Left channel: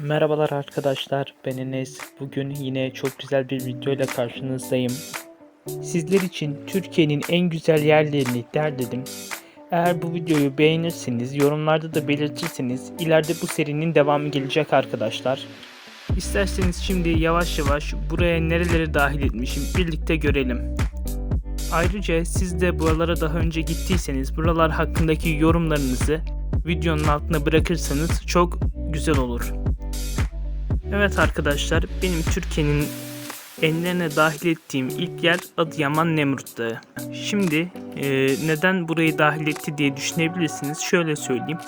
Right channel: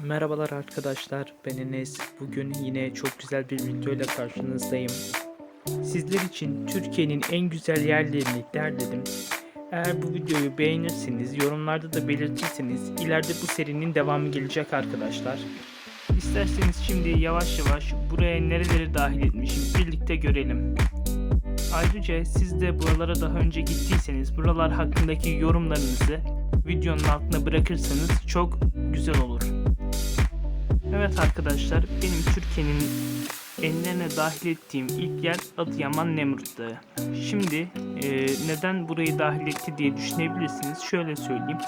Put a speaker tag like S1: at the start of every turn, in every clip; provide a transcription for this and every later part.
S1: Merhabalar arkadaşlar, ben Enes. Bugün yine çok güzel bir video ile karşınızdayım. Sizler için Türkiye'nin en güzel yerlerini derledim. Eğer bu videoyu beğenirseniz, yorumlarda da belirtirseniz ileride bu serinin devamı gelecek arkadaşlar. İsterseniz şimdi yavaş yavaş buraya nereleri dahil etmişim birlikte görelim. Ayrıca siz de buralara daha önce gittiyseniz buralar hakkındaki yorumlarınızı videonun altına bırakırsanız çok güzel olur. Evet arkadaşlar benim Türkiye'nin enlerine dahil ettiğim ilk yer Adıyaman Nemrut Dağı. Şimdi e, neden burayı dahil etti diye düşünebilirsiniz. Şöyle söyleyeyim.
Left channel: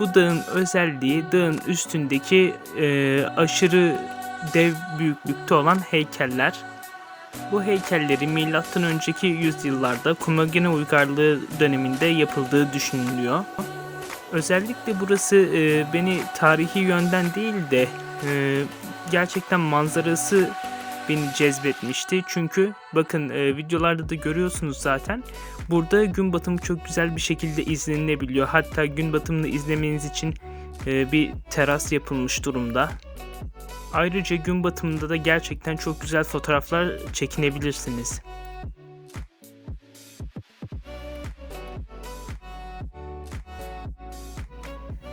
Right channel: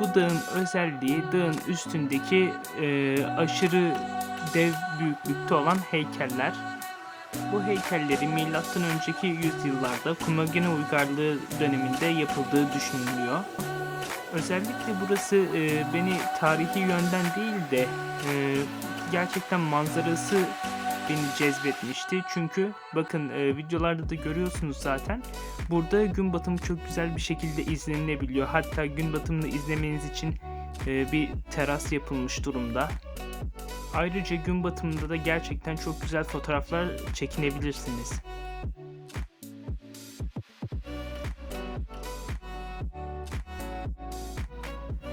S1: Bu dağın özelliği dağın üstündeki e, aşırı dev büyüklükte olan heykeller. Bu heykelleri milattan önceki yüzyıllarda Kumagene uygarlığı döneminde yapıldığı düşünülüyor. Özellikle burası e, beni tarihi yönden değil de e, gerçekten manzarası beni cezbetmişti. Çünkü bakın e, videolarda da görüyorsunuz zaten. Burada gün batımı çok güzel bir şekilde izlenilebiliyor. Hatta gün batımını izlemeniz için e, bir teras yapılmış durumda. Ayrıca gün batımında da gerçekten çok güzel fotoğraflar çekinebilirsiniz.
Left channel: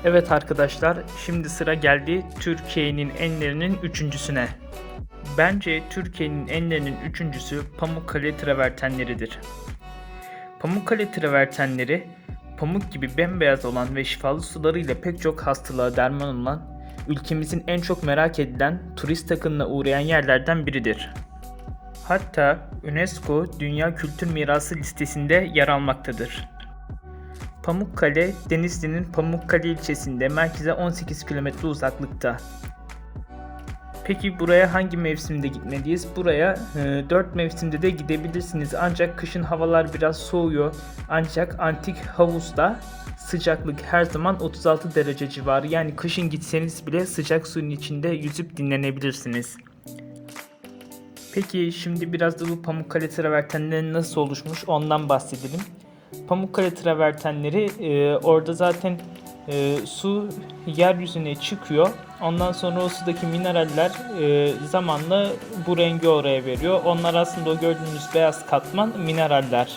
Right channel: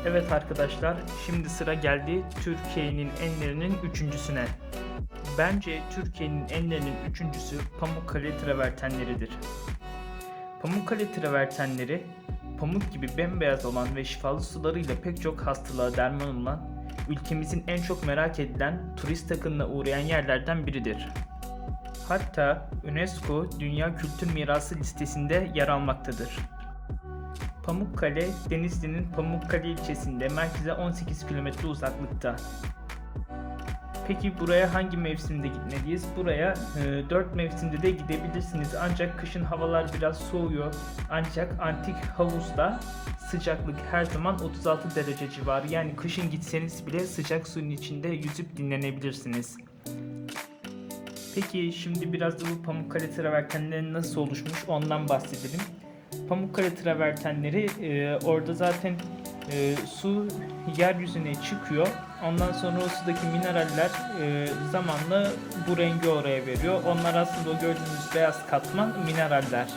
S1: Evet arkadaşlar, şimdi sıra geldi Türkiye'nin enlerinin üçüncüsüne. Bence Türkiye'nin enlerinin üçüncüsü Pamukkale travertenleridir. Pamukkale travertenleri, pamuk gibi bembeyaz olan ve şifalı sularıyla pek çok hastalığa derman olan, ülkemizin en çok merak edilen turist akınına uğrayan yerlerden biridir. Hatta UNESCO Dünya Kültür Mirası listesinde yer almaktadır. Pamukkale, Denizli'nin Pamukkale ilçesinde merkeze 18 km uzaklıkta. Peki buraya hangi mevsimde gitmeliyiz? Buraya e, 4 mevsimde de gidebilirsiniz. Ancak kışın havalar biraz soğuyor. Ancak antik havuzda sıcaklık her zaman 36 derece civarı. Yani kışın gitseniz bile sıcak suyun içinde yüzüp dinlenebilirsiniz. Peki şimdi biraz da bu Pamukkale travertenleri nasıl oluşmuş ondan bahsedelim. Pamukkale travertenleri e, orada zaten e, su yeryüzüne çıkıyor. Ondan sonra o sudaki mineraller e, zamanla bu rengi oraya veriyor. Onlar aslında o gördüğünüz beyaz katman mineraller.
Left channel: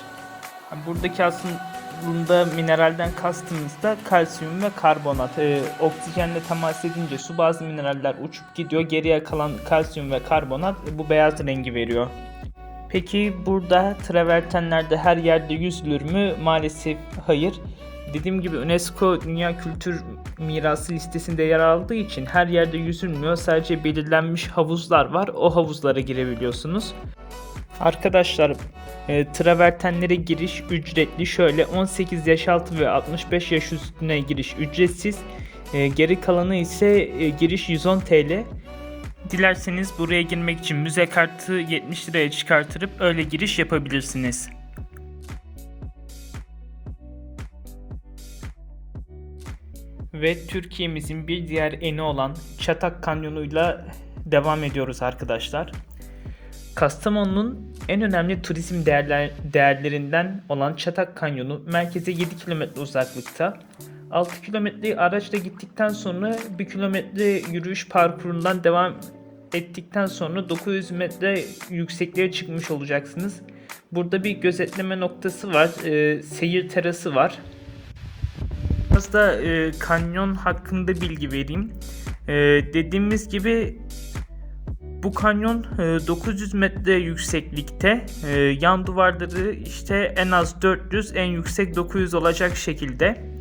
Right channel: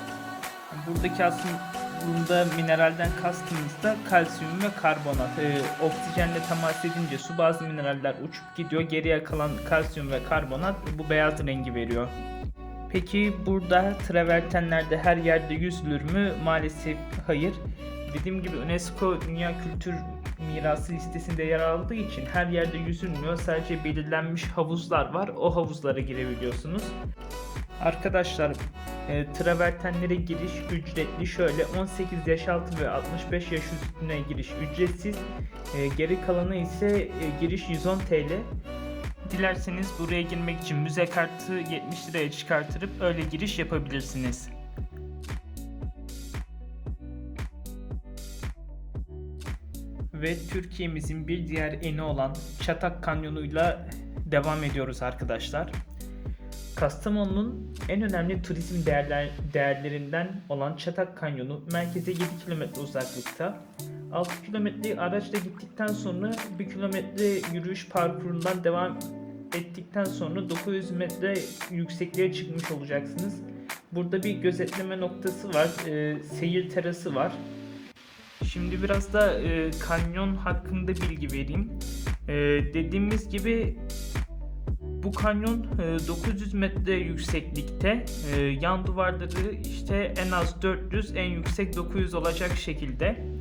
S1: Buradaki aslında mineralden kastımız da kalsiyum ve karbonat. E, oksijenle temas edince su bazı mineraller uçup gidiyor. Geriye kalan kalsiyum ve karbonat bu beyaz rengi veriyor. Peki burada travertenlerde her yerde yüzülür mü? Maalesef hayır. Dediğim gibi UNESCO Dünya Kültür Mirası listesinde yer aldığı için her yerde yüzülmüyor. Sadece belirlenmiş havuzlar var. O havuzlara girebiliyorsunuz. Arkadaşlar e, travertenlere giriş ücretli. Şöyle 18 yaş altı ve 65 yaş üstüne giriş ücretsiz. E, geri kalanı ise e, giriş 110 TL. Dilerseniz buraya girmek için müze kartı 70 liraya çıkartırıp öyle giriş yapabilirsiniz. Ve Türkiye'mizin bir diğer eni olan Çatak Kanyonu'yla devam ediyoruz arkadaşlar. Kastamonu'nun en önemli turizm değerler, değerlerinden olan Çatak Kanyonu merkeze 7 km uzaklıkta. 6 kilometreyi araçla gittikten sonra 1 kilometre yürüyüş parkurundan devam ettikten sonra 900 metre yüksekliğe çıkmış olacaksınız. Burada bir gözetleme noktası var, e, seyir terası var. Şimdi biraz da e, kanyon hakkında bilgi vereyim. E, dediğimiz gibi bu kanyon e, 900 metre yükseklikte. E, yan duvarları işte en az 400, en yüksek 900 olacak şekilde.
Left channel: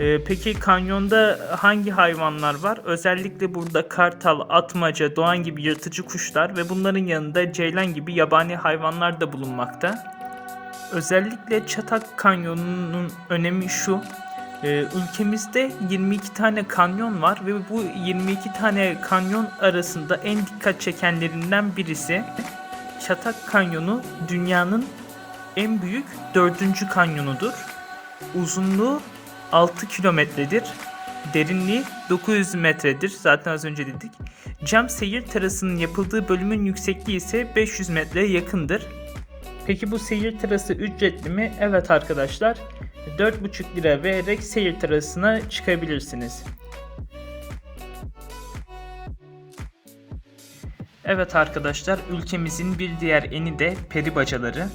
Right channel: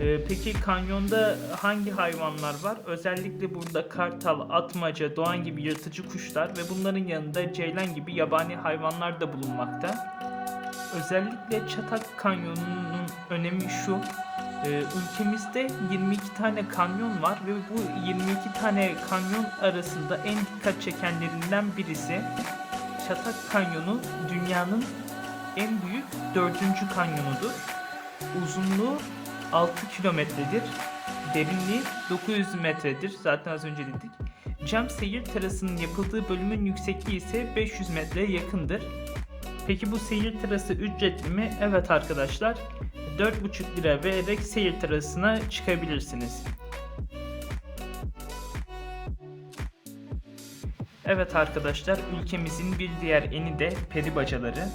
S1: Ee, peki kanyonda hangi hayvanlar var? Özellikle burada kartal, atmaca, doğan gibi yırtıcı kuşlar ve bunların yanında ceylan gibi yabani hayvanlar da bulunmakta. Özellikle Çatak Kanyonu'nun önemi şu. e, ülkemizde 22 tane kanyon var ve bu 22 tane kanyon arasında en dikkat çekenlerinden birisi Çatak Kanyonu dünyanın en büyük dördüncü kanyonudur. Uzunluğu 6 kilometredir. Derinliği 900 metredir. Zaten az önce dedik. Cam seyir terasının yapıldığı bölümün yüksekliği ise 500 metreye yakındır. Peki bu seyir terası ücretli mi? Evet arkadaşlar. 4,5 lira vererek seyir terasına çıkabilirsiniz. Evet arkadaşlar ülkemizin bir diğer eni de peri bacaları.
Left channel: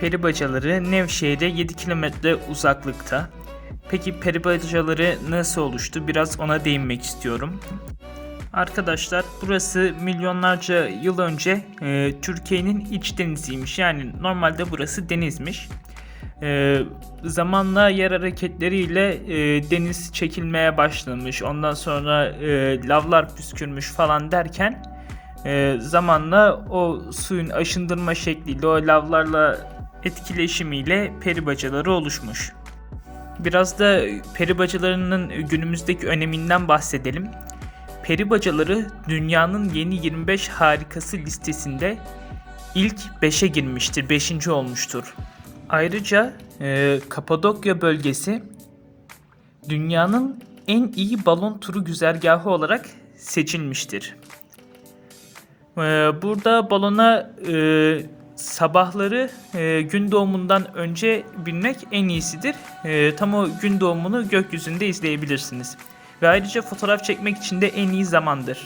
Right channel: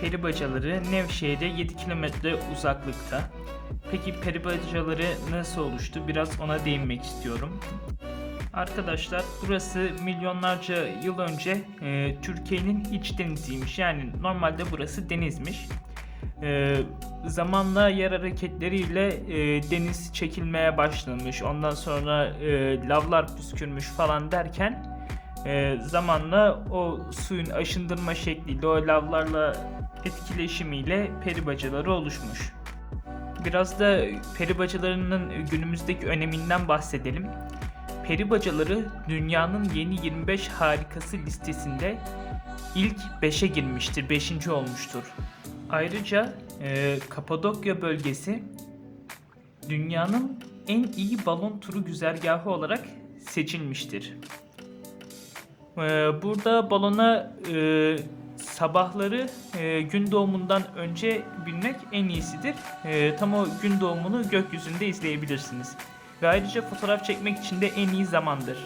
S1: Peri bacaları Nevşehir'e 7 kilometre uzaklıkta. Peki peri bacaları nasıl oluştu? Biraz ona değinmek istiyorum. Arkadaşlar burası milyonlarca yıl önce e, Türkiye'nin iç deniziymiş. Yani normalde burası denizmiş. E, zamanla yer hareketleriyle e, deniz çekilmeye başlamış. Ondan sonra e, lavlar püskürmüş falan derken e, zamanla o suyun aşındırma şekliyle o lavlarla etkileşimiyle peri bacaları oluşmuş. Biraz da peri bacalarının günümüzdeki öneminden bahsedelim. Peri bacaları dünyanın yeni 25 harikası listesinde ilk 5'e girmiştir, 5. olmuştur. Ayrıca e, Kapadokya bölgesi dünyanın en iyi balon turu güzergahı olarak seçilmiştir. E, burada balona e, sabahları e, gün doğumundan önce binmek en iyisidir. E, tam o gün doğumunu gökyüzünde izleyebilirsiniz. Ve ayrıca fotoğraf çekmek için de en iyi zamandır.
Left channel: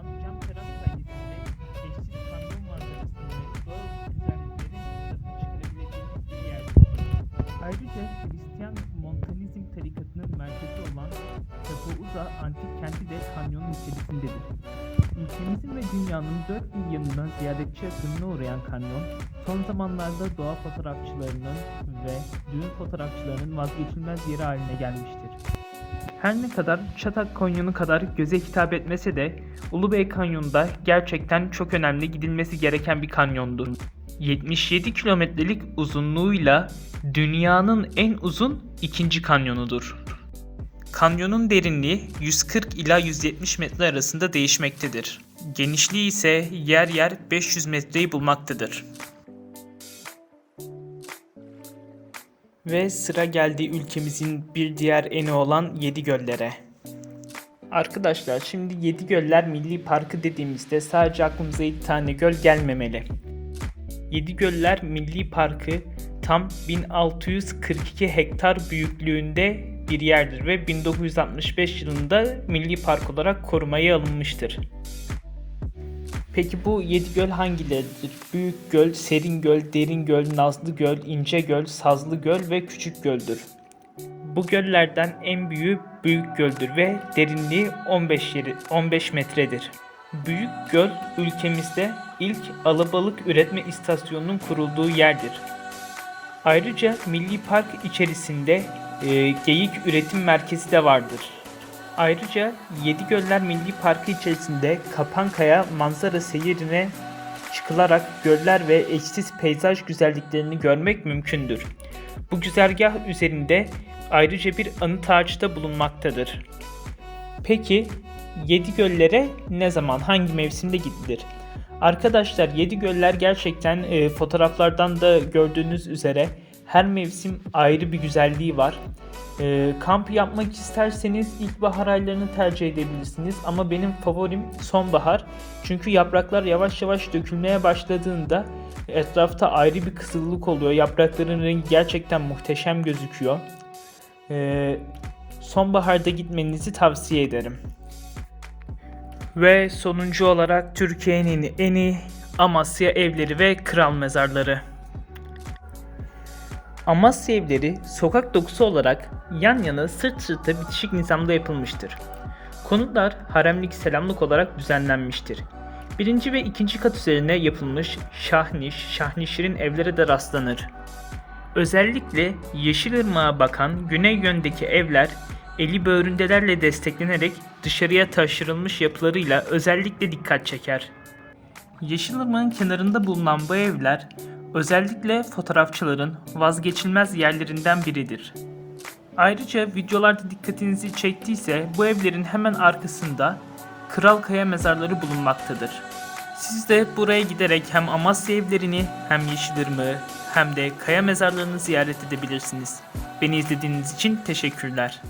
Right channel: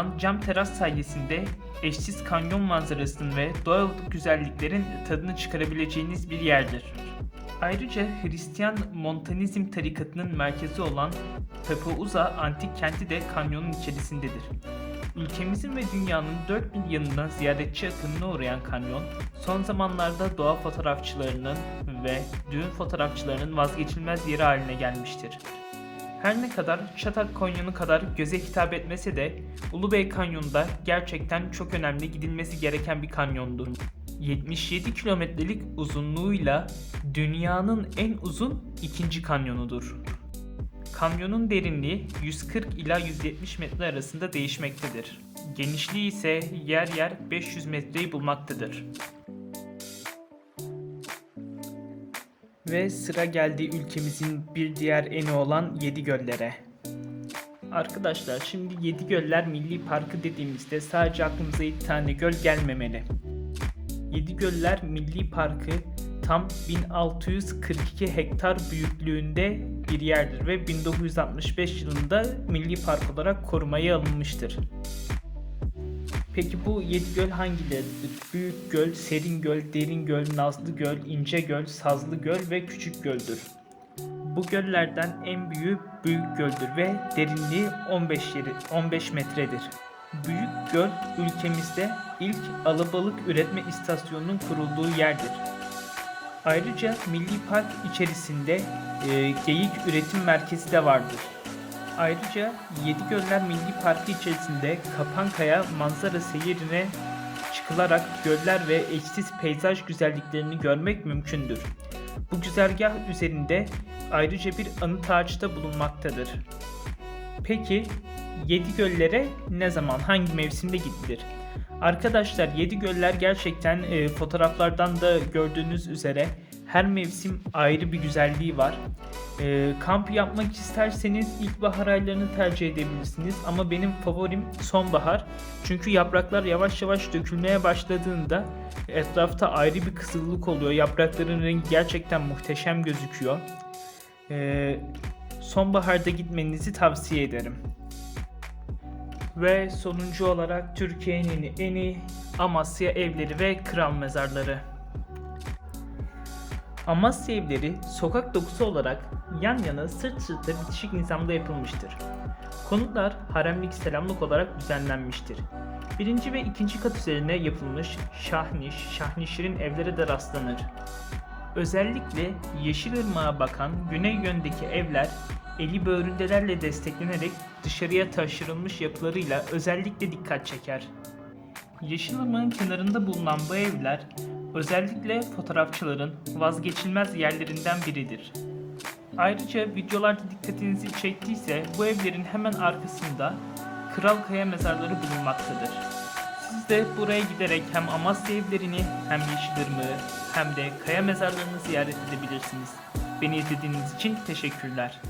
S1: Bulunan cam teras sayesinde eşsiz kanyon manzarasının ve doğal güzelliklerin tadını çıkarabileceğiniz bir yerdir. Ayrıca Hristiyan Montanizm tarikatının merkezi olan Tepeuza antik kenti de kanyonun içerisindedir. Ülkemizin ve dünyanın dört bir yanından ziyaretçi akınına uğrayan kanyon, son zamanlarda doğa fotoğrafçılarının ve düğün fotoğrafçılarının vazgeçilmez yeri haline gelmiştir. Her ne kadar Çatak Kanyonu kadar göze hitap etmese de Ulubey Kanyonu da gerçekten çok önemli gidilmesi gereken bir kanyondur. 77 kilometrelik uzunluğuyla dünyanın en uzun ikinci kanyonudur. Kanyonun derinliği 140 ila 170 metre arasında değişmektedir. Genişliği ise yer yer 500 metreyi bulmaktadır. Ve sıra geldi ülkemizin bir diğer eni olan Yedi Göllere. Arkadaşlar şimdi Yedi Göller Milli Parkı dediğimizde sadece aklımıza iki tane göl gelmemeli. Yedi Göller Milli Parkı tam 1642 hektar büyüklüğünde bir yerdir ve 1965 yılında Milli Park olarak korumaya alınmıştır. Peki bu yedi göl hangileridir? Büyük Göl, Serin Göl, Derin Göl, Nazlı Göl, İnce Göl, Sazlı Göl ve Küçük Göl'dür. Bu göllerden en büyüğü Büyük Göl'dür ve derinliği 15 yeri 15 metredir. Büyük Göl ülkemizde ilk alabalık üretme istasyonunun kurulduğu yerdir. Ayrıca Milli Park içerisinde e, geyik üretim merkezi de vardır. Ayrıca Yedi Göller Milli Parkı içerisinde Kapankaya manzara seyirine çıkılarak göller ve eşsiz peyzaj güzelliklerini görmek mümkündür. Bu güzergah üzerinde ayrıca bir anıt ağacı da bulunmaktadır. Peki Yedi Göllere ne zaman, hangi mevsimde gidilir? Arkadaşlar Yedi Göller gerçekten e, fotoğraflardan da gördüğünüz üzere her mevsim ayrı bir güzelliği var. E, kamp yapmak isterseniz ilkbahar aylarını tercih edebilirsiniz ama benim favorim sonbahar. Çünkü yapraklar yavaş yavaş dökülmeye başladığında etrafta ayrı bir kızıllık oluyor. Yaprakların rengi gerçekten muhteşem gözüküyor. E, sonbaharda gitmenizi tavsiye ederim. Ve sonuncu olarak Türkiye'nin en iyi Amasya evleri ve kral mezarları. Amasya evleri sokak dokusu olarak yan yana sırt sırta bitişik nizamda yapılmıştır. Konutlar haremlik selamlık olarak düzenlenmiştir. Birinci ve ikinci kat üzerine yapılmış şahniş, şahnişirin evlere de rastlanır. Özellikle Yeşilırmak'a bakan güney yöndeki evler eli böğründelerle desteklenerek dışarıya taşırılmış yapılarıyla özellikle dikkat çeker. Yeşilırmak'ın kenarında bulunan bu evler özellikle fotoğrafçıların vazgeçilmez yerlerinden biridir. Ayrıca videolarda dikkatinizi çektiyse bu evlerin hemen arkasında Kral Kaya mezarları bulunmaktadır. Siz de buraya giderek hem Amasya evlerini hem Yeşilırmak'ı hem de kaya mezarlarını ziyaret edebilirsiniz. Beni izlediğiniz için teşekkürler.